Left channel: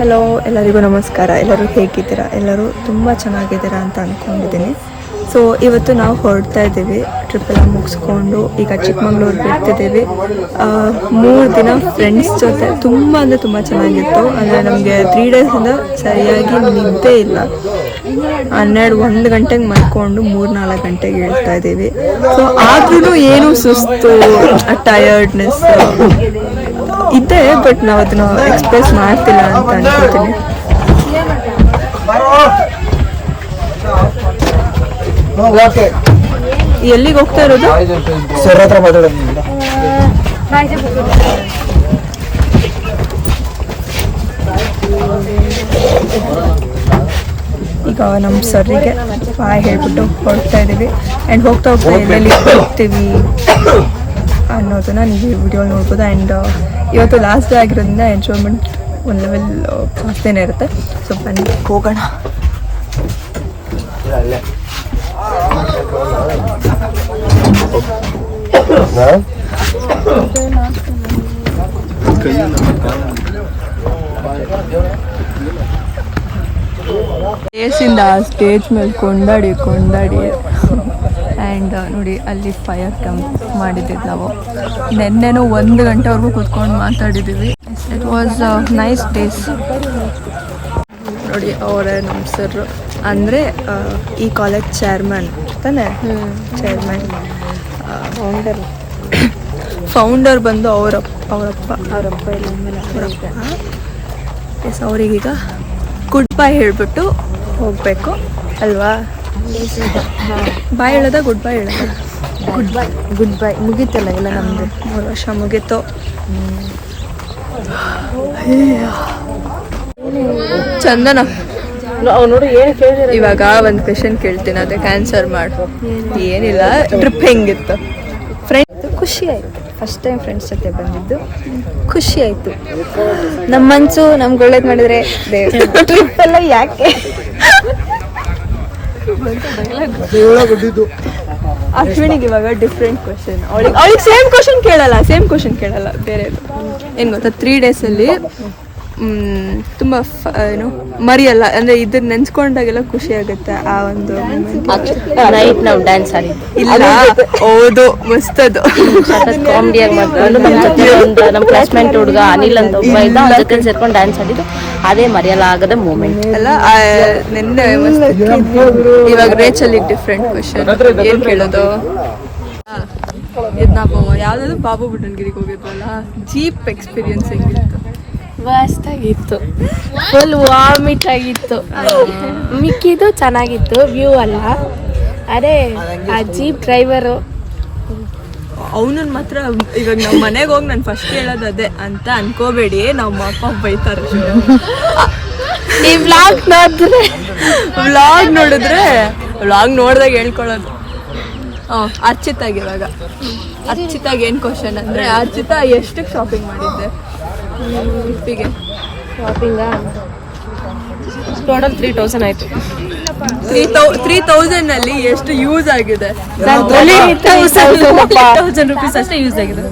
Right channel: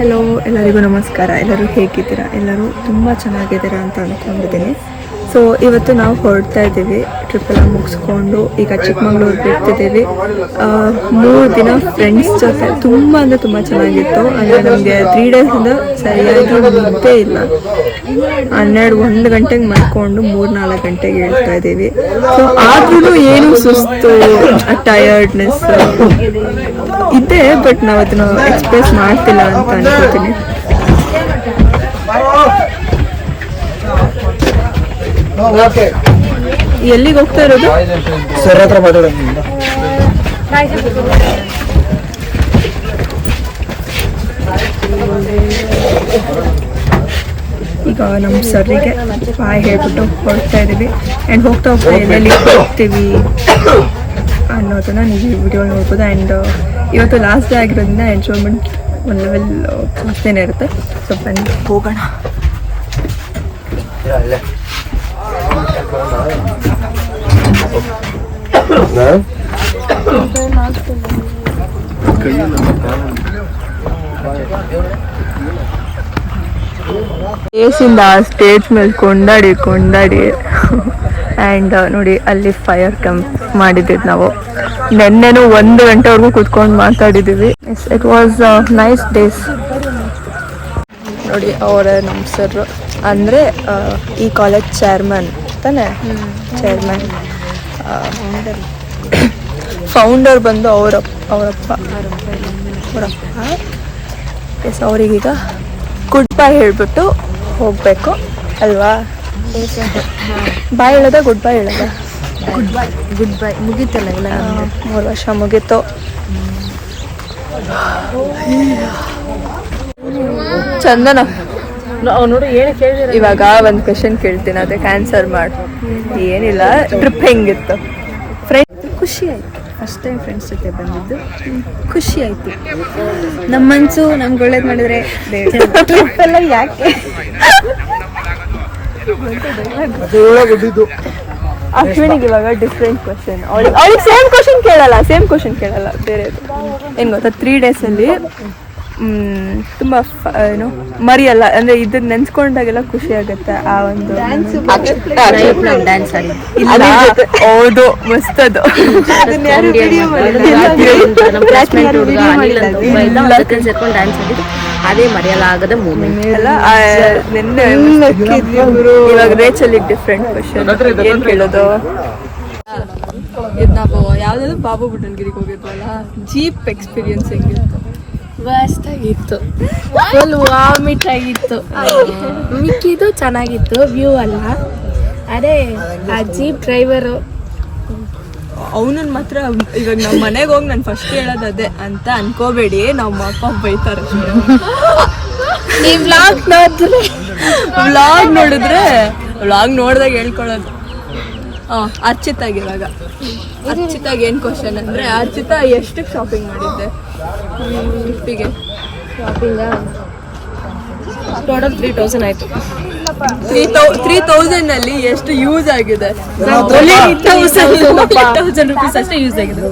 Hello, ಎಲ್ಲರಿಗೂ ನಮಸ್ಕಾರ. ಎಲ್ಲರೂ ಹೇಗಿದ್ದೀರಾ? ಎಲ್ಲರೂ ತುಂಬ ಚೆನ್ನಾಗಿದ್ದೀರಾ ಅಂತ ಅಂದ್ಕೊಂಡಿದ್ದೀನಿ. ಸೊ ಇವತ್ತು ನಾವು ಹೊರಡ್ತಾ ಇದ್ದೀವಿ. ಟ್ರಿಪ್ ಎಲ್ಲ ಮುಗಿಸ್ಕೊಂಡು ಈಗ ಚಿಕ್ಕಮಂಗ್ಳೂರಿಗೆ ಬರ್ತಿದ್ದೀವಿ. 3 ದಿನ ಫ್ರೆಂಡ್ಸ್ ಜೊತೆ ತುಂಬ ಅಂದರೆ ತುಂಬ ಚೆನ್ನಾಗಿತ್ತು. ಅಂದರೆ ನಮಗೆ 3 ಡೇಸಿಂದ ಸರಿಯಾಗಿ ನಿದ್ದೆ ಇಲ್ಲ. 1 ಗಂಟೆಗೆ ಮಲ್ಕೊಂಡು 3-4 ಗಂಟೆಗೆ ಹೇಳ್ತಾ ಇದ್ದೀವಿ. ಸೊ ಆದ್ರೂ ಏನು ಸುಸ್ತು, ಟಯರ್ಡ್ನೆಸ್ ಇದೆ, ಬಟ್ ನಾವು ಅದನ್ನ ಎಕ್ಸ್ಪ್ರೆಸ್ ಮಾಡ್ತಿಲ್ಲ ಅಂತ ಅನ್ಕೋತೀನಿ. ಎಲ್ಲಿಗೆ ಹೋಗ್ತಾ ಇರೋದು? ಸರ್ ಹತ್ರ ಮಾತಾಡೋದು. ಈಗ ನಮ್ಮ ಸರ್ರಿಗೆ ಬಾಯ್ ಹೇಳ್ಬಿಟ್ಟು ಹೊರಡ್ತಾ ಇದ್ದೀವಿ. ಆ್ಯಂಡ್ ಹೋಗ್ತಾ ಎಲ್ಲೆಲ್ಲಿ ಹೋಗ್ತೀವಿ ಅನ್ನೋದನ್ನ ನೀವು ವಿಡಿಯೋ ನೋಡ್ಬೋದು. ಆ್ಯಂಡ್ ಇವತ್ತು ಲಾಸ್ಟ್ ಡೇ ಆಗಿರೋದ್ರಿಂದ ಎಂಜಾಯ್ಮೆಂಟ್ ಒಂದು ಲೆವೆಲ್ ಜಾಸ್ತಿನೇ ಇರುತ್ತೆ. ಸೊ ಬನ್ನಿ ಹೋಗೋಣ. ಸ್ಟೇಜಿಂದ ಸ್ಟೇಜ್ ಮೇಲೆ ಕೊಂಡಾಡಿ ಆ್ಯಂಡ್ ನೋಡಿ ಅಲ್ಲಿ ಫೈರ್ ಕ್ಯಾಂಪ್ ಮಾಡಿದ್ದೀವಿ ನಾವು. ನೆನ್ನೆನೂ 1 ಗಂಟೆವರೆಗೂ ಕೂತ್ಕೊಂಡು ಮಾತಾಡಿದ್ದೀವಿ. It was nice days. ನೋಡಿ ಅವರೇ ನಮ್ಮ ಸರ್, ಅಂದರೆ ಈ ಕಾಲೇಜ್ ಚೇರ್ಮನ್ ತಾನೆ, ಚೇರ್ಮನ್ ಫೌಂಡರ್ ಬಂದು ಅವರಪ್ಪ ಎಸ್. ಅವ್ರಿಗೀಗ ಗುಡ್ ಬೈ ಹೇಳ್ಬಿಟ್ಟು ಹೋಗಬೇಕು ಅಲ್ವಾ? ಬಾಯ್ ಹೇಳೋದ ಗುಡ್ ಬೈ ಹೇಳೋದ? ಗುಡ್ ಬೈ ಮುಗೀತಲ್ಲ, ಎಲ್ಲ 3 ವರ್ಷ ಮುಗೀತು. ಚಂದನ, ಇವಾಗ ಒಂದು ಕ್ವೆಶನ್ ಕೇಳ್ತೀನಿ, ಅದಕ್ಕೆ ಆನ್ಸರ್ ಮಾಡು. ಏನಿಲ್ಲ, ಟ್ರಿಪ್ ಹೆಂಗಿತ್ತು? ಫ್ರೆಂಡ್ ಖುಷಿ ಆಯ್ತು. ಫಸ್ಟ್ ಟೈಮ್ ಫ್ರೆಂಡ್ಸ್ ಜೊತೆ ಬಂದಿದ್ದು ಖುಷಿ ಆಯ್ತು. ನಮ್ಮ ಮನ್ಸು ನಮ್ಗೆ ಒಳ್ಳೇದು ಮಾಡಿದ್ರೆ ಟ್ರಿಪ್ ಎಲ್ಲ ಯಾಕೆ. ಅಶ್ವಿನಿಗೆ ಇವಾಗ ಡಿಫ್ರೆಂಟ್ ಕ್ವಶನ್. ಅವಳಿಗೆ ಸೇಮ್ ಕ್ವಶನ್ ಕೇಳಲ್ಲ, ಬೇರೆದು. ಏನು ಗೊತ್ತಾ, 3 ಡೇಸಲ್ಲಿ ತುಂಬ ಏನು ಮರಿಯಲ್ಲ, ಅಂದರೆ ಇದನ್ನ ನೆನ್ಸ್ಕೊಂಡಾಗೆಲ್ಲ ಖುಷಿ ಆಗುತ್ತೆ. ಆ ಒಂದು ನಾವು ಡ್ಯಾನ್ಸ್ ಆಡಿದ್ದು ಇಲ್ಲ, ಹೌದು, ಮಸ್ತದು. ನಮ್ಮ ಕ್ಲಾಸ್ಮೇಟ್ ಹುಡುಗ ಅನಿಲ್ ಅಂತ ಒಬ್ಬ ಇದ್ದ, ಸೇರ್ಕೊಂಡು ಡ್ಯಾನ್ಸ್ ಆಡಿದ್ದು ಅದೇ ಮರೆಯಲ್ಲ ಆಗದ ಮೂಮೆಂಟ್ ಅಲ್ಲ. ನಿನ್ನೆ ಇವಾಗ ರೇಚಲ್ಲಿ ಡಿಫ್ರೆಂಟ್ ಕ್ವಶನ್. ಏನು ಕೇಳೋದು? ಇದು ನಾವು ಯಾವ್ದಾದ್ರು ಬಾಬು ಬುಡನ್ಗಿರಿಗೆ ಹೋಗಿದ್ವಲ್ಲ, ಜೀಪ್ ಎಕ್ಸ್ಪೀರಿಯನ್ಸ್ ಹೆಂಗಿತ್ತು? ಮಸ್ತಾಗಿತ್ತು, ಫುಲ್ ವಾಮಿಟ್ ಆಗಿತ್ತು. ಮಿಕ್ಕಿದು ಚೆನ್ನಾಗಿತ್ತು, ವ್ಯೂ ಅಲ್ಲ. ಅದೇ ಆ ಜೀಪ್ ಡ್ರೈವರು ಅವನನ್ನ ಮಾತ್ರ ಇವಾಗ ನಮ್ಮ ಮನೆಗೆ ಹೋಗಿ ನಾನು ಫಸ್ಟ್ ಹೇಳೋದು ಅದೇ ಅಂತ ಅನ್ಕೋಬೇಡಿ, ನಮ್ಮ ಅಪ್ಪ ಬೈತಾರೆ. ಈ ವ್ಲಾಗ್ ನೋಡಿದ್ರೆ ವ್ಲಾಗ್ ನೋಡಿದಾಗ ಹೇಳ್ಕೊಳ್ಳೋದು. ಅರ್ಚಿತಾಗಿ ಏನು ಕ್ವಶನ್ ಅಂದರೆ, ಅರ್ಚಿತಾ ಎಷ್ಟಕ್ಕೆ ಶಾಪಿಂಗ್ ಮಾಡಿದ್ದೆ? ಗಿಫ್ಟಿಗೆ ಶಾಪಿಂಗ ಟೋಟಲ್ 3000 ಆಯ್ತು. 3000 ಅಲ್ಲಿ ಎಷ್ಟು ಯೂಸ್ ಆಗಿದೆ? 1000 rupees ಅಷ್ಟೇ ಯೂಸ್ ಆಗಿದೆ.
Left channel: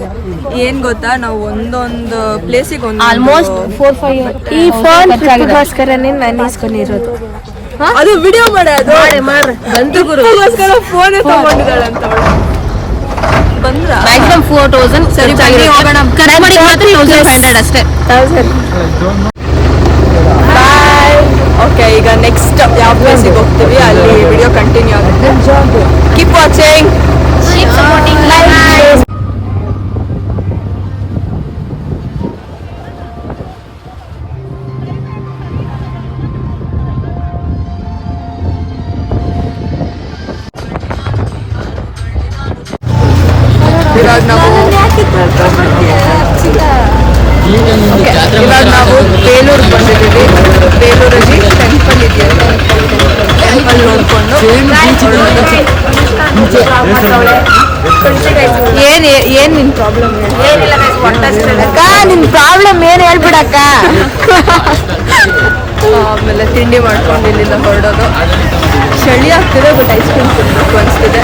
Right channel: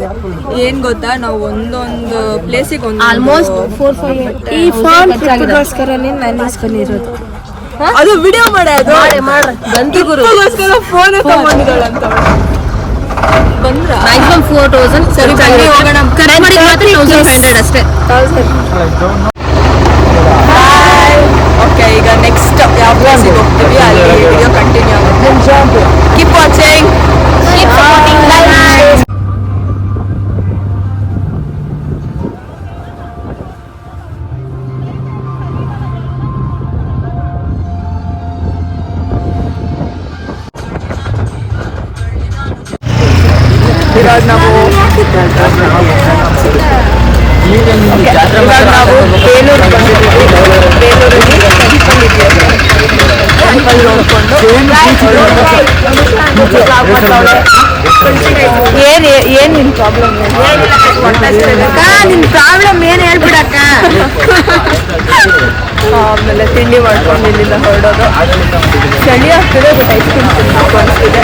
ಏನ್ ಗೊತ್ತಾ, ನಾವು ಒಂದೊಂದು ಪ್ಲೇಸಿಗೆ ಒಂದು ಆಲ್ಮೋಸ್ಟ್ 4-5 ಈ ಫೋನ್ ಗೋಸ್ಕರನೇ ನಾನು ಇಸ್ಕೊಂಡಿರೋದು. ಅದು ವಿಡಿಯೋ ಮಾಡೋದು ಬಂತು ಗುರು, ಫೋನ್ ತಗೊಂಡಿದ್ದಾಳಂತ ಬಂದ್ರ ಮ್ಯಾಕ್ಸಿಮಮ್ 4000. ಸರಿ ಬನ್ನಿ ಹೋಗೋಣ. ಕರ್ನಾಟಕ ಮಾತ್ರ 1500 ಅಷ್ಟೇ. ಓಕೆ, ಈಗ ನೆಕ್ಸ್ಟ್ ಯಾವ ಪ್ಲೇಸಿಗೆ ಹೋಗ್ತೀವಿ ಅಲ್ಲಿ ವಿಡಿಯೋ ಕಂಟಿನ್ಯೂ ಆಗುತ್ತೆ. Keep watching, keep supporting. ಇವಾಗ ನಾವು ಬೇಲೂರಿಗೆ ಬಂದಿದ್ದೀವಿ. ಬೇಲೂರಲ್ಲಿ ಟೆಂಪಲ್ ಇದೆಯಲ್ಲ, ಟೆಂಪಲ್ ನೋಡ್ಕೊಂಡು ಏನ್ ನಿನ್ ಪ್ರಾಬ್ಲಮ್? ನಿನ್ ಪ್ರಾಬ್ಲಮ್ ಏನ್ ಹೇಳ್ಬಿಡಕ್ಕ. ಆಮೇಲೆ ತಿಂಡಿ ಮಾಡ್ಕೊಂಡು ಇಲ್ಲಿಂದ ಹೊರಡೋದು. ಚಳಿ ಆಗ್ತಿದೆ, ಬಟ್ ಐಸ್ ಕ್ರೀಮ್ ತಿನ್ಬೇಕು ಅನಿಸ್ತಿದೆ.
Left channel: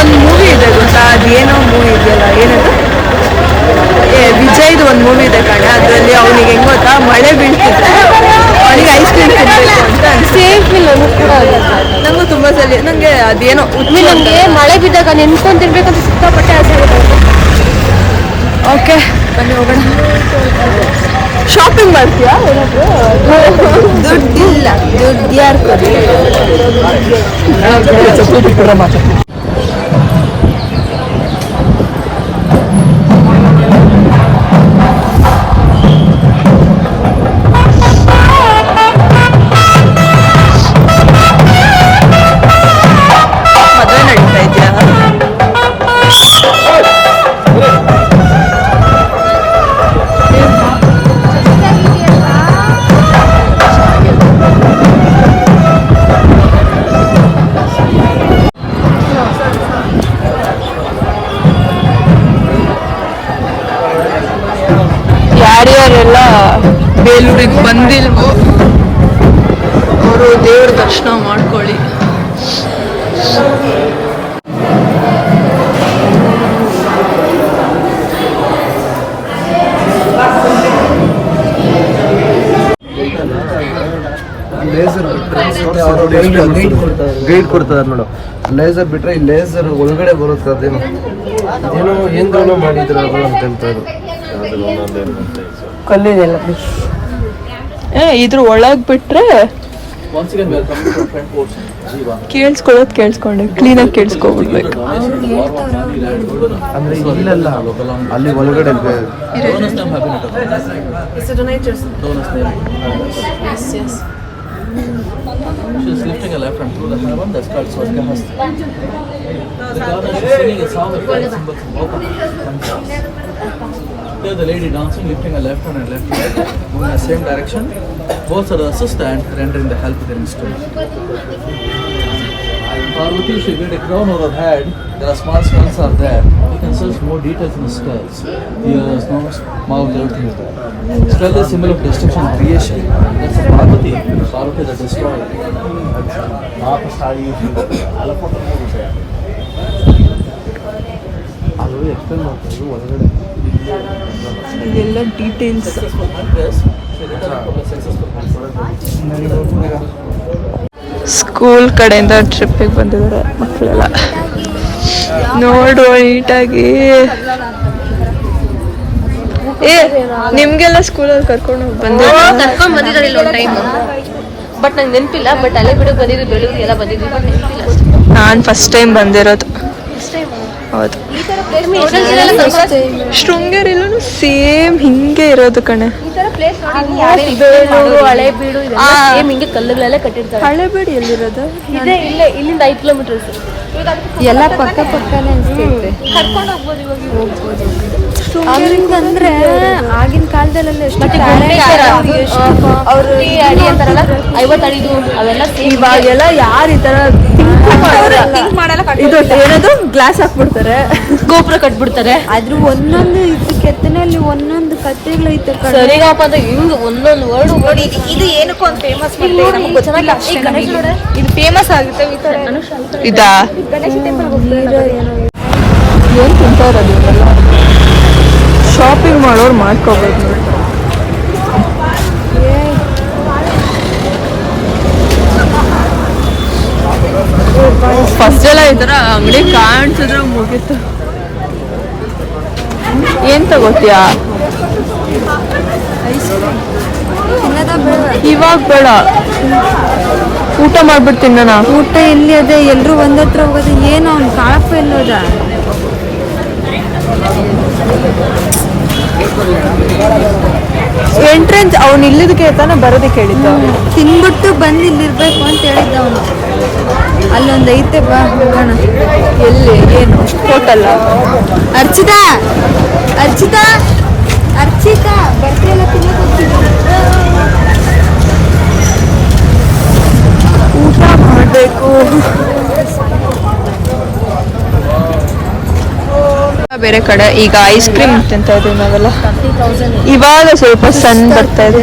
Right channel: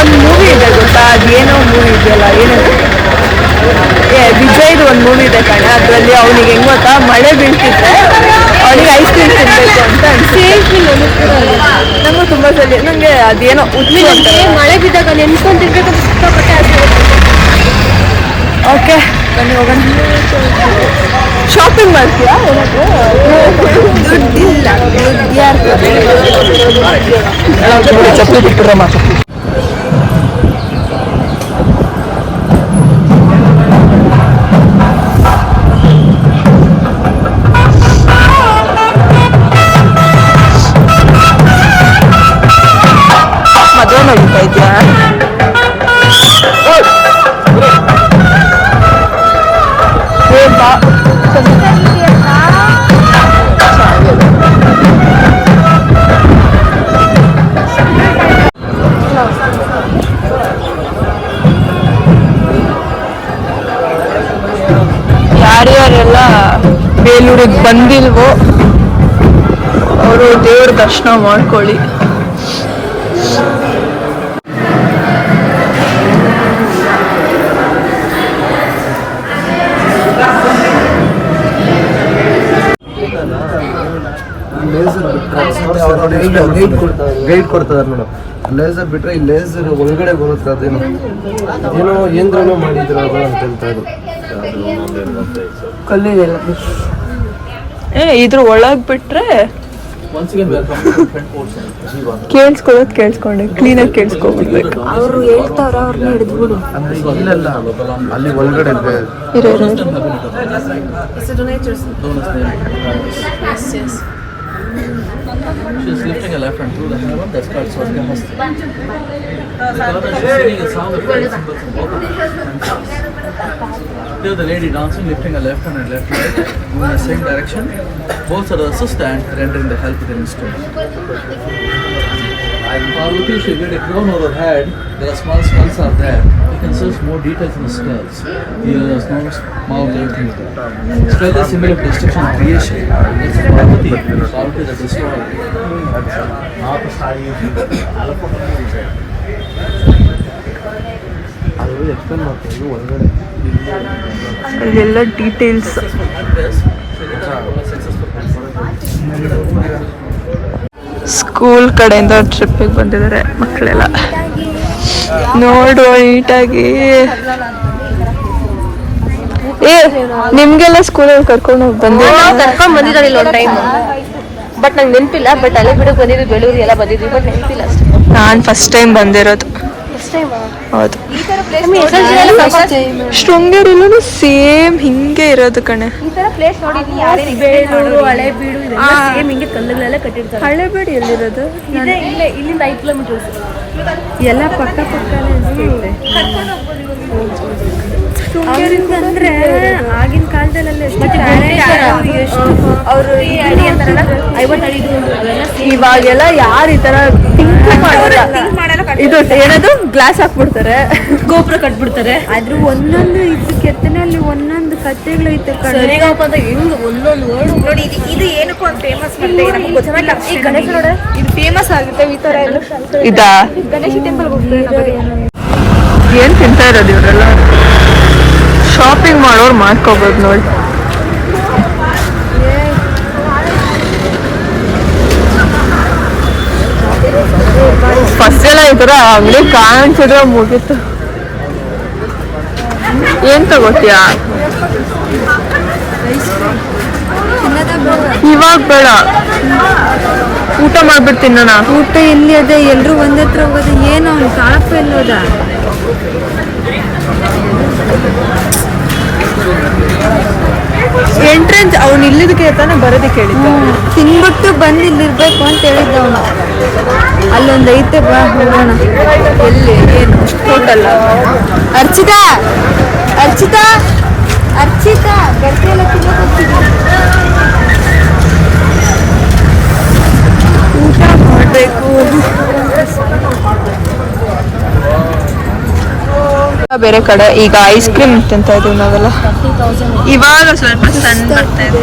ಒಂದು ಮೂವಿ ಇದೆ ಗೊತ್ತಾ, ಅದೇನೋ ಮೂವಿ ಇದೆಯಲ್ಲ, ಏನದು ವಿಜಯ್ದು ಒಂದು ಮೂವಿ ಇದೆ ಕಣೆ, ಅದರಲ್ಲಿ ಅವನಿಗೆ ಹೆಂಗ್ ಗೊತ್ತಾ, ಮಳೆ ಬೀಳ್ತಿದ್ರೆ ಅವನಿಗೆ ಐಸ್ ಕ್ರೀಮ್ ತಿನ್ಬೇಕು ಅಂತ ಅನ್ಸುತ್ತೆ. ನಂಗೂ ತುಂಬಾ ಸಲ ನಂಗೆ ಅದೇನೋ ಹುಚ್ಚು ಅಂತ. ಮಳೆ ಬಿದ್ದಾಗ ನೆನ್ಸ್ಕೊಂಡು ತಿನ್ಬೇಕಂತ ಸಿಕ್ಕಾಪಟ್ಟೆ ಆಸೆ. ಓಕೆ ಬನ್ನಿ ಹೋಗೋಣ. ಶಾಪಿಂಗ್ ಮಾಡ್ತೀಯಾ ಏನಾದ್ರು? ದುಡ್ಡಿಲ್ಲ, ದುಡ್ಡು ಯಾರು ಮದುವೆ ನಡೀತಾ ಇದೆಯಾ? ಯಾರ್ಯಾರೆಲ್ಲ ಬೇಲೂರಿಗೆ ಬಂದಿಲ್ವೋ ಅವರು ದೇವ್ರ ದರ್ಶನ ಮಾಡ್ಕೊಳ್ಳಿ. ಗೈಡ್ ಕೊಡ್ತಾರೆ ನೋಡು. ಲೇಸರ್ ಬಿಟ್ರೆ ಈ ಲೇಸರ್ ಒಳಗಡೆ ಬರುತ್ತೆ, ಅದೇನು ಏನೋ ಏನ್ದ್ರೂ ಮಾಡಿದ್ರ ಅಂತ ಹೇಳ್ತಾ ಇದ್ರು. ಕಲ್ಲಿದೆಲ್ಲ ಇದ್ರ ಒಳಗ್ ಬಿಟ್ರೆ ಕೇಳಿಸ್ಕೊಂಡೆ ಕ್ಲೀನಾಗಿ ಕೇಳಿಸ್ಕೊಬಿಡ್ಬೇಕು. ಅಲ್ಲಿ ಒಳಗಡೆ She's lifting a left hand through the heaven, that's called Swargahasti. Singing a song of symbols and vocal. There the lady dancing, lifting a left hand and left leg, moving in the same direction. Both are the assistant, rendering the help with an instrument. Parvati, she get a crown over her head. There are small skulls are there. You can search more details in the skulls. Ears, nose, mouth, everything is there. Skull is symbol of destruction and creation. That's a Parvati. Parvati the destroyer. ಅಲ್ಲೆಲ್ಲ details. School ಕಡೆಯಿಂದ ಟ್ರಿಪ್ಪಿಗೆ ಬಂದಿದ್ದಾರೆ ಮಕ್ಕಳೆಲ್ಲ. ನೋಡುವ ನೀಟಾಗಿ. ನಿಮ್ಗೆಲ್ಲ ಸ್ಕೂಲಲ್ಲಿ ಕರ್ಕೊಂಡು ಹೋಗಿ ಬಂದಿದ್ದ? ಬಟ್ ನಂಗೆ ನೆನಪಿಲ್ಲ. ಬಟ್ ಅಲ್ಲೇ ಬಿಡೋದು ಬಂದಿದ್ದು, ಬೆಳೂರಿಗೆಲ್ಲ ಬಂದಿದ್ದು. ನಾನು ಫಸ್ಟ್ ಟೈಮ್ ಬಂದಿರೋದು. ಹೌದು, ಶೃಂಗೇರಿಲೂ ಸೇಮ್ ಹಿಂಗೆ ಇರೋದು ಕಣೆ. ಬೇಲೂರು, ಹಳೆಬೀಡು ಇದೆಲ್ಲ ಸೇಮ್ ಹಿಂಗೆ ಕಲ್ಲುಗಳೆಲ್ಲ ಕಟ್ಟಿರ್ತಾರೆ. ಹಳೆಬೀಡು ಎಲ್ಲಿರೋದು? ಇಲ್ಲೇ ಇಲ್ಲಿಂದ 5 ಕಿಲೋಮೀಟರ್ಸ್ ಎಲ್ಲ ಪಕ್ಕ ಪಕ್ಕನೇ ಅನ್ಸುತ್ತೆ. ಅಂದ್ರೆ ಆಗಿನ ಕಾಲದಲ್ಲೆಲ್ಲ ಇವಾಗೆಲ್ಲ ಯಾರು ಈ ತರ ಥಿಂಕ್ ಮಾಡಲ್ಲ. ಇದು ಏನದು ಗ್ಲಾಸ್ ಹಾಕ್ಬಿಡ್ತಾರೆ, ಗೋಪುರ ಕಟ್ಬಿಡ್ತಾರೆ. ಆದ್ರೂ ಒಂದೊಂದು ಇದು ಕೆತ್ತನಲ್ಲಿ ಒಂದೊಂದು ಕಥೆಗಳೈತೆ. ಹಿಂಗ್ ಒಂದೊಂದು ವರ್ಡ್ ನೋಡಿ. ಇದು ಏನಕ್ಕೂ ಒಂದು ಫೇಮಸ್ ಗಣೇಶ ನೋಡ, ಇದು ಫೇಮಸ್ ಆಗುತ್ತೆ ಈ ತರ. ಇದಾ ಗಣೇಶ ಟೆಂಪಲ್ ಏನ್ ತಿಂತಾ ಇರೋದು ಇವರೆಲ್ಲ? ಶಾಪಿಂಗ್ ಮಾಡೋರು ಮಾಡ್ಕೋಬೋದು ನೋಡಿ. ಫಸ್ಟ್ ಎಲ್ಲ ಈ ತರ ಅಂಗಡಿ ಕಾಣಿಸಿದ್ರೆ ಮುಗೀತು. ಏನ್ ತಗೋತೀಯಾ? ಇವಾಗ ಬೇಡ, ಊಟ ಮಾಡ್ಬಿಟ್ಟು ತಿನ್ನೋಣ. ಊಟ ಎಲ್ಲಿ ಅದೇ? ಎಲ್ರು ಒಂದತ್ರ ಹೋಗೋದು. ಏನು ಅವ್ನು ತಾಳಪ್ಪ ಎಲ್ಲೋದ? ಎಂಟ್ರೆನ್ಸ್ ಅವ್ನು ಇಲ್ಲಿದಕ್ಕೆ ತಾನೇ ಬರೋದಕ್ಕೆ ಹೇಳಿದ್ದ. ತಿನ್ಬಿಟ್ಟು ಬಂದು ಇಲ್ಲಿರ್ಬೇಕು ಅಂತ ಹೇಳಿದ್ದ ಅವನು. ಅಲ್ಲೊಂದು ಐತೆ, ಬಾ ಹೋಗೋಣ. ಎಲ್ಲಿ? ಏನು ಹೋಟೆಲ್ಲ? ಅರ್ಚಿತಾ, ಅರ್ಚಿತಾ, ಅರ್ಚಿತಾ ಬರ್ತಿಯಲ್ಲ, ತಿನ್ನಕ್ ಹೋಗ್ತಿದ್ದೀನಿ. ಊಟ ಮಾಡಬೇಕು. ಬೇರೆ ಕಡೆ ಈಗ ಐಸ್ ಕ್ರೀಮ್ ತಿಂತ ಇದೀವಿ ನಾವೆಲ್ಲ. ಇವಾಗ ಸ್ವಲ್ಪ ಸನ್ ಬರ್ತಾ ಇದೆ.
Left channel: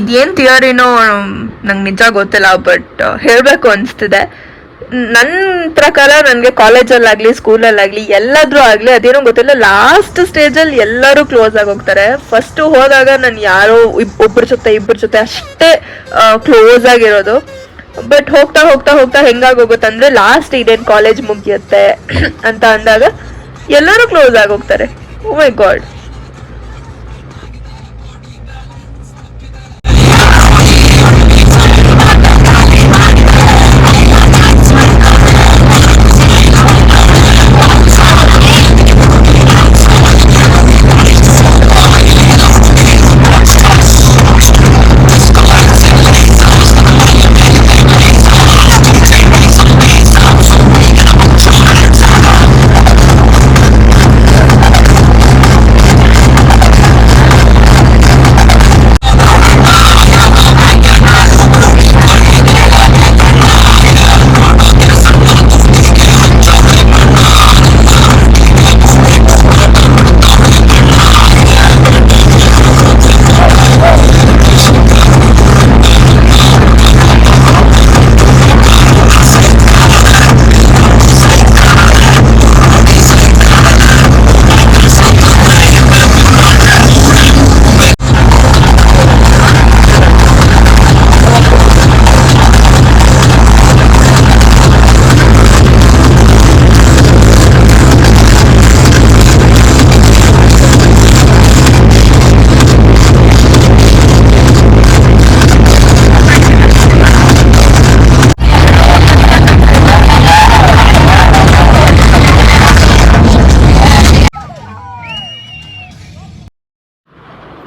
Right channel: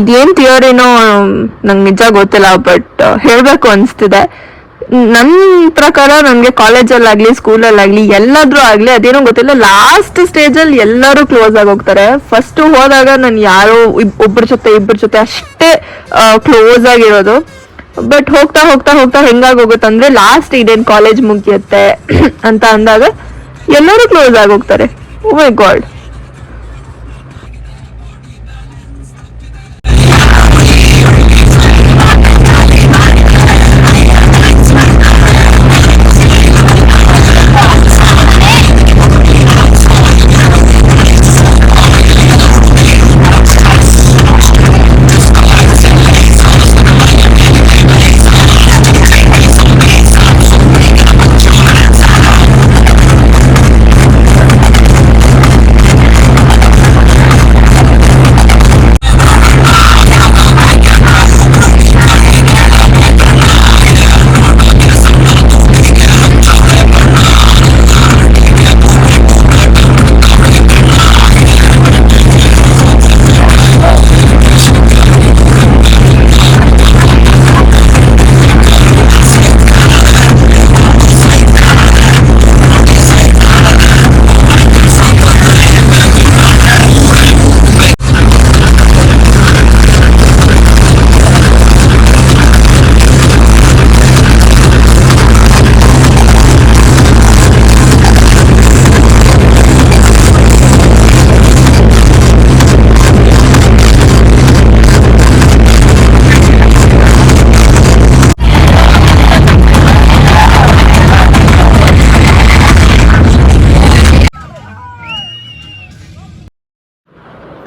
ಇದೇನ್ ಥಿಯರಿನೋ ನಂಗೆ ನಿಜ ಗೊತ್ತಿಲ್ಲ, ಬಟ್ ಹೇಳ್ಬೇಕು ಅನ್ಸ್ತಿದೆ. ನನ್ನ ಪ್ರಕಾರ ನನಗೆ ಕಾಲೇಜಲ್ಲಾಗ್ಲಿ ಸ್ಕೂಲಲ್ಲಾಗ್ಲಿ ಎಲ್ಲಾದ್ರೂ ಆಗ್ಲಿ ಅದೇನೋ ಗೊತ್ತಿಲ್ಲ, ಲಾಸ್ಟ್ ಸ್ಟೇಜಲ್ಲಿ ಎಲ್ಲರೂ ಕ್ಲೋಸ್ ಆಗಿ ಹೋಗ್ತಾರೆ. ಫಸ್ಟ್ ಹೋದಾಗ ನಾನು ಯಾರೋ ಇಬ್ಬರ ಜೊತೆ ಅಷ್ಟೇ ಕ್ಲೋಸ್ ಆಗಿರೋದು. ಬಟ್ ಹೋಗ್ತಾ ಹೋಗ್ತಾ ಹೋಗ್ತಾ ಹೆಂಗಾಗೋಗುತ್ತಂದ್ರೆ ಲಾಸ್ಟ್ ಇದೇನ್ ಕಾಲೇಜ್ ಮುಗಿಯುತ್ತೆ ಅಂತ ಅಂದಾಗ ಎಲ್ಲರೂ ಕ್ಲೋಸ್ ಆಗಿ ಹೋಗ್ತಾರೆ. ಓ ಮೈ ಗಾಡ್.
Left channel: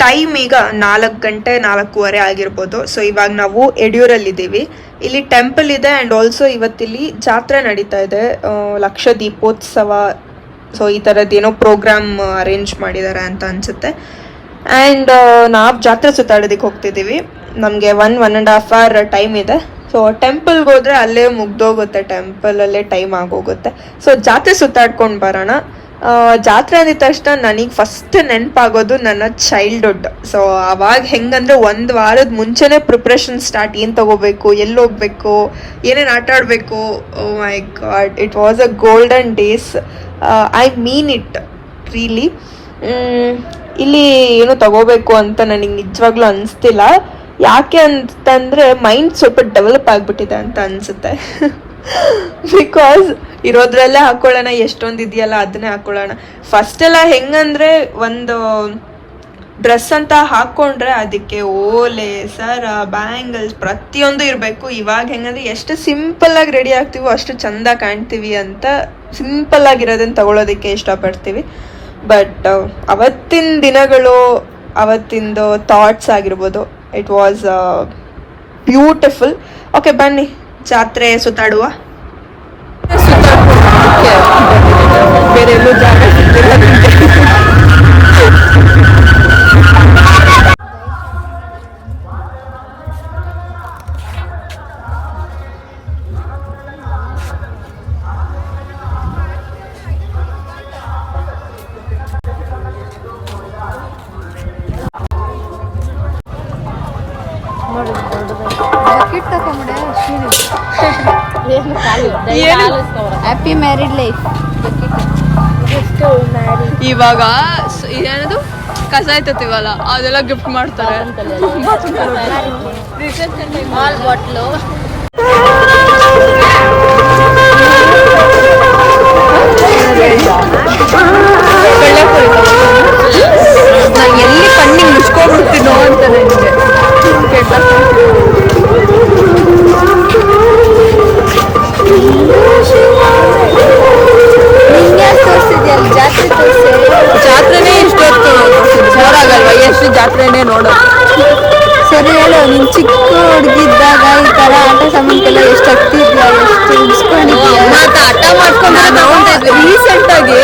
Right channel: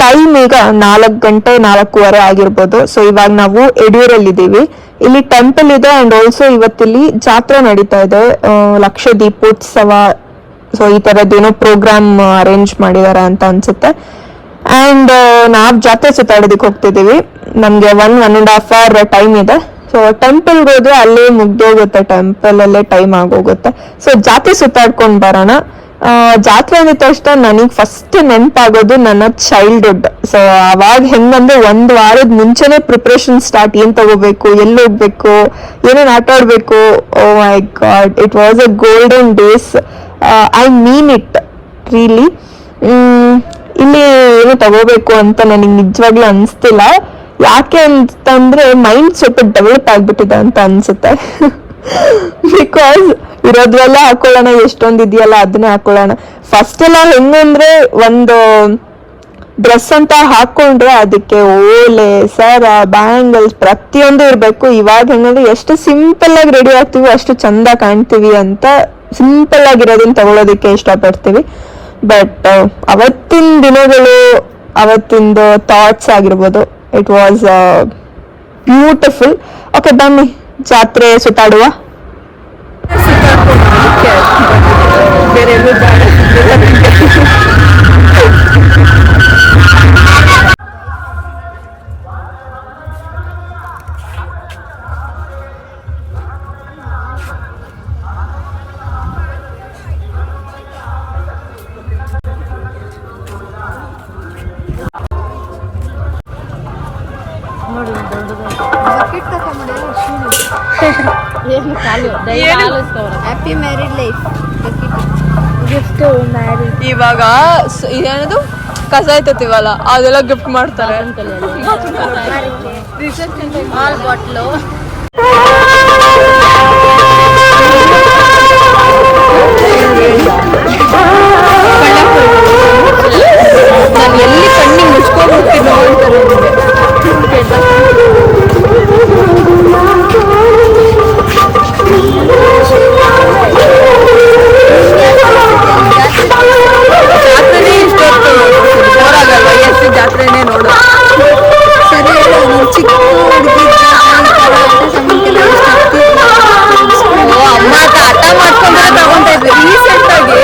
ಟೈಮ್ ಈಗ 4 ಗಂಟೆ 4:15 ಆಗಿರ್ಬೋದು. ಸೊ ಇವಾಗ ನಾವು ಯಡಿಯೂರಲ್ಲಿದ್ದೀವಿ. ಇಲ್ಲಿ ಟೆಂಪಲ್ ಇದೆ ಅಂಡ್ ಆಲ್ಸೋ ಇವತ್ತಿಲ್ಲಿ ಜಾತ್ರೆ ನಡೀತಾ ಇದೆ, ಲಕ್ಷ ದೀಪೋತ್ಸವ. ಸೊ ಈ ತರದ್ದೇನೋ ಪ್ರೋಗ್ರಾಮ್ ಅರೇಂಜ್ ಮಾಡಿದ್ದಾರೆ ಅಂತ ಅನ್ಸುತ್ತೆ. ಅಂಡ್ ನಾವ್ ಜಾತ್ರೆ ಸುತ್ತಾಡೋದಕ್ಕೆ ಹೋಗ್ತಿದೀವಿ. ನಮ್ಗೆ 1.5 hour ಟೈಮ್ ಇದೆ. ಸೊ ಟೆಂಪಲ್ಗೆ ಹೋದ್ರೆ ಅಲ್ಲೇ ಮುಗ್ದೋಗುತ್ತೆ, ಟೆಂಪಲ್ ಅಲ್ಲೇ ಟೈಮ್ ಆಗೋಗುತ್ತೆ. ಸೊ ಜಾತ್ರೆ ಸುತ್ತಾಡ್ಕೊಂಡ್ ಬರೋಣ. ಜಾತ್ರೆ ಅಂದ ತಕ್ಷಣ ನನಗೆ ಫಸ್ಟ್ ನೆನಪಾಗೋದು ನನ್ನ ಚೈಲ್ಡ್ಹುಡ್. ಸೊ ಅವಾಗ ಹೆಂಗಂದ್ರೆ 1 ವಾರದ ಮುಂಚೆನೆ ಪ್ರಿಪ್ರೇಷನ್ ಸ್ಟಾರ್ಟ್. ಏನ್ ತಗೋಬೇಕು, ಎಲ್ಲಿ ಹೋಗ್ಬೇಕು, ಏನೇನ್ ಆಟ ಆಡ್ಬೇಕು. Oh my God, it was a golden days. I mean it really. ಇಲ್ಲಿ ಏನು ತಗೋಬೇಕು ಅಂತ ನನಗೆ ನಿಜವಾಗ್ಲೂ ಅನ್ಸ್ತಿಲ್ಲ. ಯಾಕೆ ಅಂತಂದ್ರೆ ಮೈಂಡ್ ಸ್ವಲ್ಪ ಡೈವರ್ಟ್ ಆಗ್ಬಿಟ್ಟಿದೆ ಅಂತ ಅನ್ಸುತ್ತೆ. ಬಿಕಾಸ್ ಇರೋದ್ರಲ್ಲೇ ಹಾಕೊಳ್ಳೋಣ, ಎಷ್ಟೊಂದ್ ಇದೆಯಲ್ಲ ಅದನ್ನೇ ಹಾಕೊಳ್ಳೋಣ. ಫಸ್ಟ್ ಎಲ್ಲ ಹೆಂಗಂದ್ರೆ ಒಂದು ಡ್ರೆಸ್ ಅಂತ ಹಾಕೊಂಡ್ರೆ ಅದಕ್ಕೆ ಓಲೆ, ಸರ, ಬ್ಯಾಂಗಲ್ಸ್ ಪ್ರತಿಯೊಂದು ಇರ್ಬೇಕು. ಇವಾಗ ಹೆಂಗಂದ್ರೆ ಎಷ್ಟು ಸಿಂಪಲ್ ಆಗಿ ರೆಡಿ ಆಗ್ತೀವಿ ಅಷ್ಟು ಚಂದ ಕಾಣ್ತೀವಿ ಅಂತ ಸಿಂಪಲ್ ಆಗಿರೋದನ್ನ ತಗೊಳ್ಳೋದಕ್ಕೆ ಇಷ್ಟಪಡ್ತೀವಿ. ಬಟ್ ಅವತ್ತಿನ ದಿನಗಳು, ಅವತ್ತಿಂದು ಥಾಟ್ಸ್ ಆಗಿರ್ಬೋದು, ಇಟ್ ವಾಸ್ ಬ್ಯೂಟಿಫುಲ್. ಓಕೆ, ಬನ್ನಿ ಜಾತ್ರೆ ಸುತ್ತಾಡುವ. ಸುತ್ತಾಡ್ಕೊಂಡು ಅದಕ್ಕೆ ಬೇರೆ ಎಲ್ಲೂ ಜಾಗ ಸಿಗ್ತಿಲ್ಲ ನನಗೆ. Happy married life. ಇವಾಗ ಏನದು ಕಸ ಎತ್ತುತ್ತೀವಲ್ಲ ಅದೆಲ್ಲ ಗಿಫ್ಟ್ ಮಾಡ್ತಾರೆ. ನಾನು ಎಲ್ಲಿ ಕಣ್ಣಿಗೆ ಮುಚ್ಕೊಂಡ್ಬಿಡ್ತೀನೋ ಅಂತ ನನಗೆ ಜಾತ್ರೆನೇ ಇಷ್ಟೊತ್ತು ಬೋರಾಗಲ್ವ? ಎಷ್ಟು ಜಾತ್ರೆನೇ ನೋಡೋ. ಸರಿ ಹೇಳು, ನೀನು ಚಿಕ್ಕ ಹುಡುಗಿದ್ದಾಗ ಈ ಥರ ಆಟ ಸಾಮಾನ್ಗೆಲ್ಲ ಎಷ್ಟು ಆಗ್ತಿದ್ಯಾ, ನಾನು ರೀಸೆಂಟ್ ಆಗಿ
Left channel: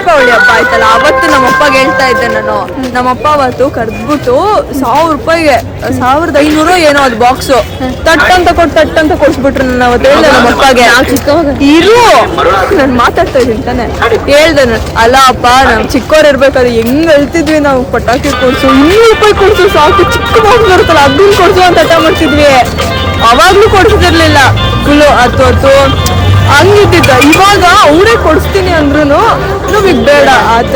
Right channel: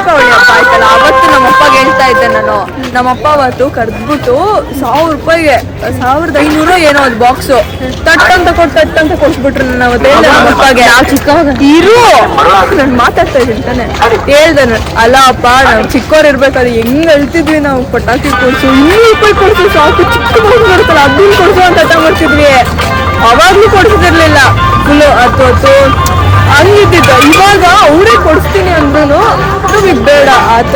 ದೀಪಾವಳಿ ಹಬ್ಬ ಆಯ್ತಲ್ಲ ಅವತ್ತು ನಮ್ಮಪ್ಪಗೆ ಹೇಳ್ತಾ ಇದ್ದೆ ನಾನು. ನಮ್ಮಪ್ಪ ಅವತ್ತು ಕರ್ದ್ಬಿಟ್ಟು 1000 ರೂಪಾಯಿಗೆ 1500 ಏನೋ ಅದು ಬಾಕ್ಸು ತಟ್ಟಂತ ಕೊಡ್ಸ್ಬಿಟ್ರು. ನಾನು ಅವತ್ತು ಹೇಳ್ದೆ ನಮ್ಮಪ್ಪಗೆ, ಇರು ನಾನು ಮಾತಾಡ್ತಾ ಇದ್ದೀನಿ ತಾನೆ, ಹೇಳ್ದೆ ನಾನು, ಅಲ್ಲ ಅಪ್ಪ ನಾವು ಚಿಕ್ಕವ್ರು ಇರ್ಬೇಕಾದ್ರೆ ಹೆಂಗ್ ಹೇಳ್ತಿದ್ವಿ ನಾವು ಪಟಾಕಿ ಕೊಡ್ಸು, 200 ರೂಪಾಯಿ ಕೊಡ್ಸು ಸಾಕು, ಚಿಕ್ಕ ಮಗು ಬರುತ್ತಲ್ಲ ಅದನ್ನ ಕೊಡ್ಸು ಅಂತ ಹಠ ಮಾಡ್ತಿದ್ವಿ. ಅವಾಗ್ಲೂ ಕೊಡ್ಸಿದಿರ್ಲಿಲ್ಲ, ಫುಲ್ಲು 10 ಹಂಗಿದ್ದಿದ್ದ. ಇವಾಗ ಅವರೇ ಕೊಡಿಸ್ತೀನಿ ಅಂದ್ರೂ ನಮಗೆ ಬೇಡ ಆತ.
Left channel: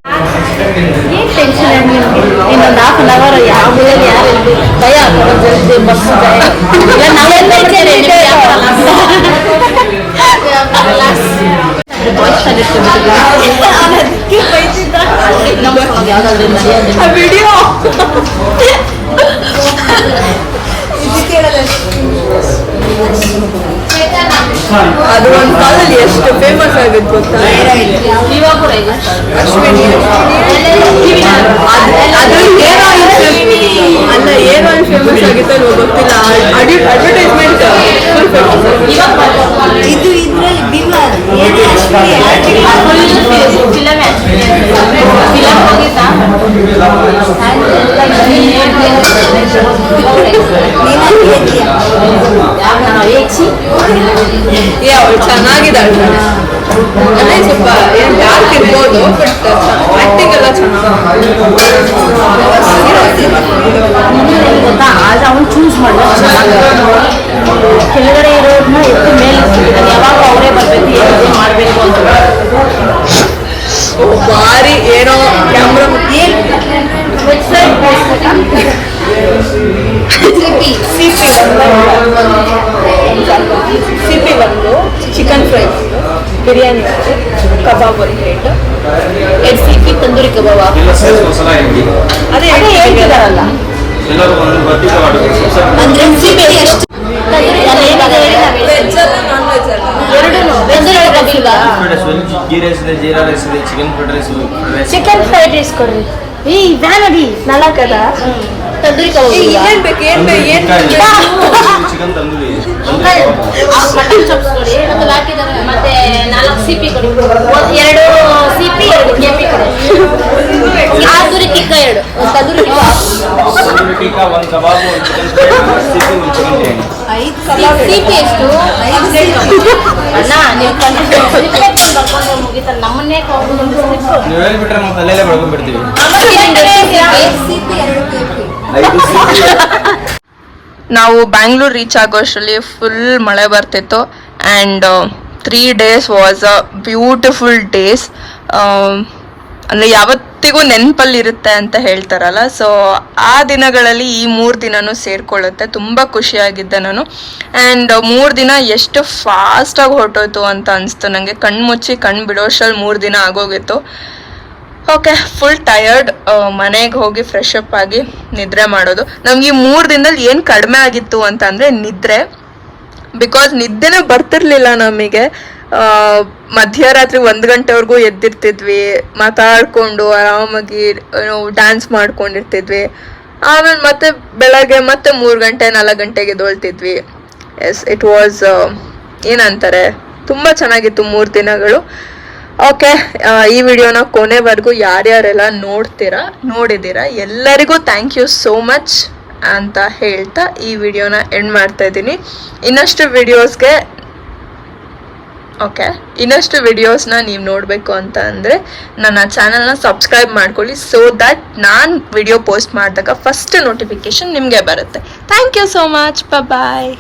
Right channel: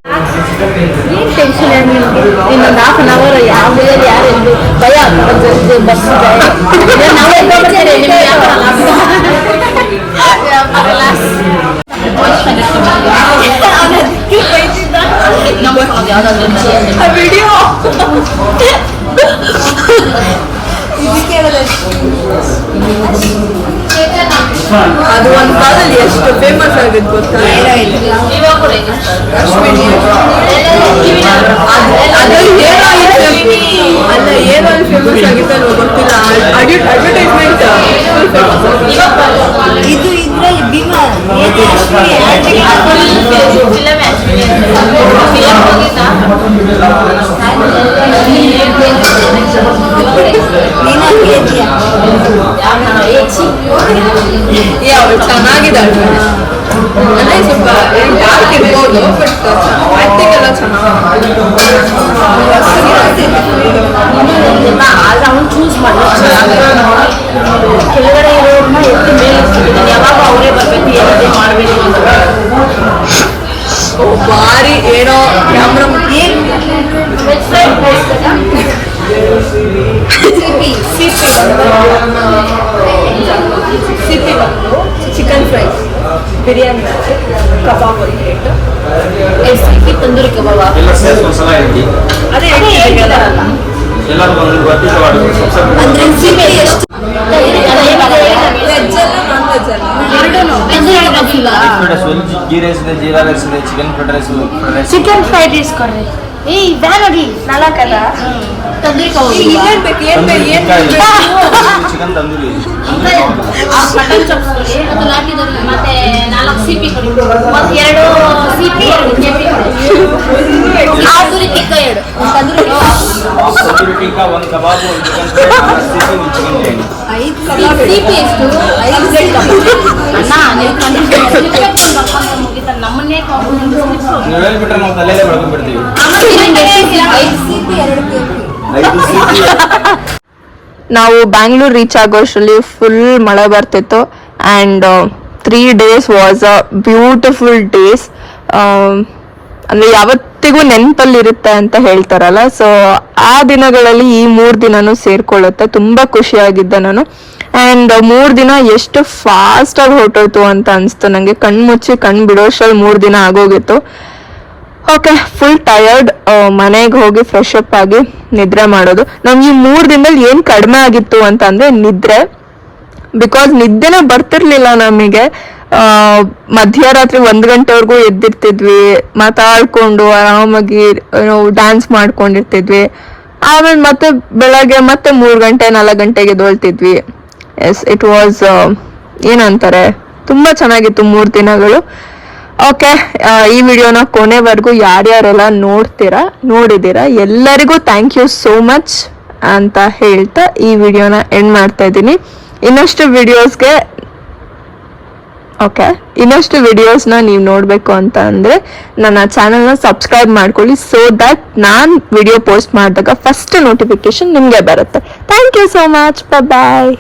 ಏನ್ ಟೆನ್ಷನ್ ಇದೆ ನಿಮ್ಗೆ? ಇನ್ನೊಂದು 1/2 hour ಯಾವ ಮೂಲೆಯಲ್ಲಿ ಯಾರು ಎಲ್ಲಿ ಭಯ ಜಲ್ದಿ ಬಸ್ ಇದೆ, ನಾವೇ ಬರ್ತೀರಿ, ನಿಮ್ಗೆ ಯಾವ ವಿಡಿಯೋ ಅದು ಒಂದು ಕಾಲದಲ್ಲಿ ಎಷ್ಟು ಫೇಮಸ್ ಆಗಿತ್ತು ಗೊತ್ತಾ? ಅಶ್ವಿನಿ ಅಲ್ಲ ಏನೋ ಫೇಮಸ್ ಆಗಿತ್ತು ಅಲ್ವಾ ಗೊತ್ತಿಲ್ಲ. ಅಡ್ವರ್ಟೈಸ್ಮೆಂಟ್ ಇದು ಇದ್ರಲ್ಲಿ ಭೀಮಾ ಅವ್ರು ಚೆನ್ನಾಗಿದೆ ಅಂದ್ರೆ ಸ್ವಲ್ಪ ಡಾರ್ಕ್ ಇರ್ಬೋದು, ಬಟ್ ಆಕ್ಟಿಂಗ್ ಎಲ್ಲ ಚೆನ್ನಾಗಿ ಚೂಸ್ ಕೆಳಗಡೆ ಇರೋದನ್ನ ಎತ್ತು ಮೇಲೆ ಯಾವಾಗ ಅವರೇ ಬರಬೇಕು ಮಾಡಬೇಕು ಅಂತ ಭಾರಿ ಏನೋ ಕ್ಯಾಮ್ರಾ ಸಿಪಿ ಬಂದು ಚಿಕನ್ ಫ್ರೈ, ಬಿರಿಯಾನಿ, ಕಬಾಬ್ ಒಂದು ಪ್ಲೇಟ್, 2 ಸಿಪಿ ತಂದೂರಿ ಕಬಾಬ್ ಅದೇ ಹೇಳ್ತಿದಾರಲ್ಲ ಅಂದ್ರೆ ಸಿಪಿ ಎಷ್ಟು ಚಿಕನ್ ಫ್ರೈಡ್ ರೈಸ್ ಕೊಡ್ರಿ. ಈ ವ್ಯಾನ್ ನೋಡಿ 4 ತಂದೂರಿ ಕಬಾಬ್ ಏನ್ ಬೇಕು ಚಿಕನ್ ತಂದೂರಿ ಮಟನ್ ಚಾಪ್ಸ್ ಕೊಡಿ, ಮತ್ತೆ 4 ಸಿಪಿ ಕೊಡಿ, 2 ಸಿಪಿ 2 ಕೆಪಿ ಕೊಡಿ, ತಂದೂರಿ ಟಿಕ್ಕಾ 2, ತಂದೂರಿ ಟಿಕ್ಕಾ 1 ಕಬಾಬ್ 1 chicken fry 1 CP 1 chicken biryani. 5 ಕಬಾಬ್ ಸಿಪಿ ಎಷ್ಟು 5 ಪ್ಲೇಟ್ ಕಬಾಬ್ ಅಣ್ಣ 5 ಮುಗಿತಾರೆ ನಮ್ಮನ್ನೇ ನೀವು ಹೇಳ್ಬಿಟ್ರೆ ನಾವು ತಲೆಯಲ್ಲೇ ಬೆಳ್ಕೊಂಡ್ಬಿಡ್ತೀವಿ. ನಾವು ಬ್ಯಾಂಗ್ಳೂರ್ ರೀಚ್ ಆಗೋಷ್ಟರಲ್ಲಿ ಫುಲ್ ಮಳೆ ಬರ್ತಿತ್ತು and 3 days was a beautiful days. ಅಂದರೆ ಯಾವತ್ತಿಗೂ ನೆನಪಲ್ಲಿರುತ್ತೆ ಅಂತ ಹೇಳ್ತಾರಲ್ಲ, ಸೊ ಆ ದಿನಗಳಲ್ಲಿ ಈ 3 ದಿನನೂ ಸೇರ್ಕೊಳ್ಳುತ್ತೆ. ತುಂಬ ಖುಷಿಯಾಗಿದ್ದೆ ನಾನು. ಆ್ಯಂಡ್ 3 ದಿನ ಎಷ್ಟು ಫಾಸ್ಟಾಗಿ ಹೊರಟೋಯ್ತು ಅಂತ ಅನಿಸ್ತು ನನಗೆ. ಕಣ್ಣು ಬಿಡೋಷ್ಟರಲ್ಲಿ 3 ದಿನ ಆಗೋಗಿತ್ತು. Okay, full tired. ಮನೆಗೆ ಹೋಗಿ ಫ್ರೆಶ್ ಅಪ್ ಆಗಿ ನಿದ್ರೆ ಮಾಡೋದು. ನಮ್ಗೆ ಈ 3 ದಿನದಲ್ಲಿ ಏನು ಕಡಿಮೆ ಆಗಿತ್ತು ಅಂತ ಅಂದರೆ ನಿದ್ರೆ. ಬಿಕಾಸ್ ನಿದ್ದೆನೇ ಬರ್ತಿರ್ಲಿಲ್ಲ ನಮಗೆ. ಮಧ್ಯರಾತ್ರಿ 1 ಗಂಟೆವರೆಗೂ ಎದ್ದಿರ್ತಿದ್ವಿ, ಮಾತಾಡ್ಕೊಂಡು ಆರಾಮಾಗಿ ಡ್ಯಾನ್ಸ್ ಮಾಡ್ಕೊಂಡಿರ್ತಿದ್ವಿ. ಆಮೇಲೆ ಮತ್ತೆ ಬೆಳಗ್ಗೆ ಮತ್ತೆ 3 ಗಂಟೆ 4 ಗಂಟೆಗೆ ಎದ್ದೇಳ್ತಿದ್ವಿ. ಎಸ್, ಇಟ್ ವಾಸ್ ಏನಂತಾರೆ, ತುಂಬ ಚೆನ್ನಾಗಿತ್ತು 3 ದಿನಗಳು. ಓಕೆ, ಈ ವಿಡಿಯೋನ ಕೊನೆವರೆಗೂ ಯಾರ್ಯಾರೆಲ್ಲ ನೋಡಿದ್ದೀರಾ ಎಲ್ಲರಿಗೂ ಥ್ಯಾಂಕ್ ಯು ಸೋ ಮಚ್ ಅಂತ ಹೇಳ್ತಾ ಈ ವಿಡಿಯೋನ ಎಂಡ್ ಮಾಡ್ತಾ ಇದ್ದೀನಿ. ಇನ್ನಷ್ಟು ವಿಡಿಯೋಸ್ನ ನೀವು ನೋಡಬೇಕು ಅಂತ ಅಂದರೆ ನನ್ನ ಚಾನಲ್ನ ಸಬ್ಸ್ಕ್ರೈಬ್ ಮಾಡ್ಕೊಳ್ಳಿ, ಸೊ ದ್ಯಾಟ್ ನಾನು ವಿಡಿಯೋ ಪೋಸ್ಟ್ ಮಾಡಿದಾಗ ಫಸ್ಟ್ ನೋಟಿಫಿಕೇಶನ್ ನಿಮಗೆ ಬರುತ್ತೆ. Thank you so much, bye.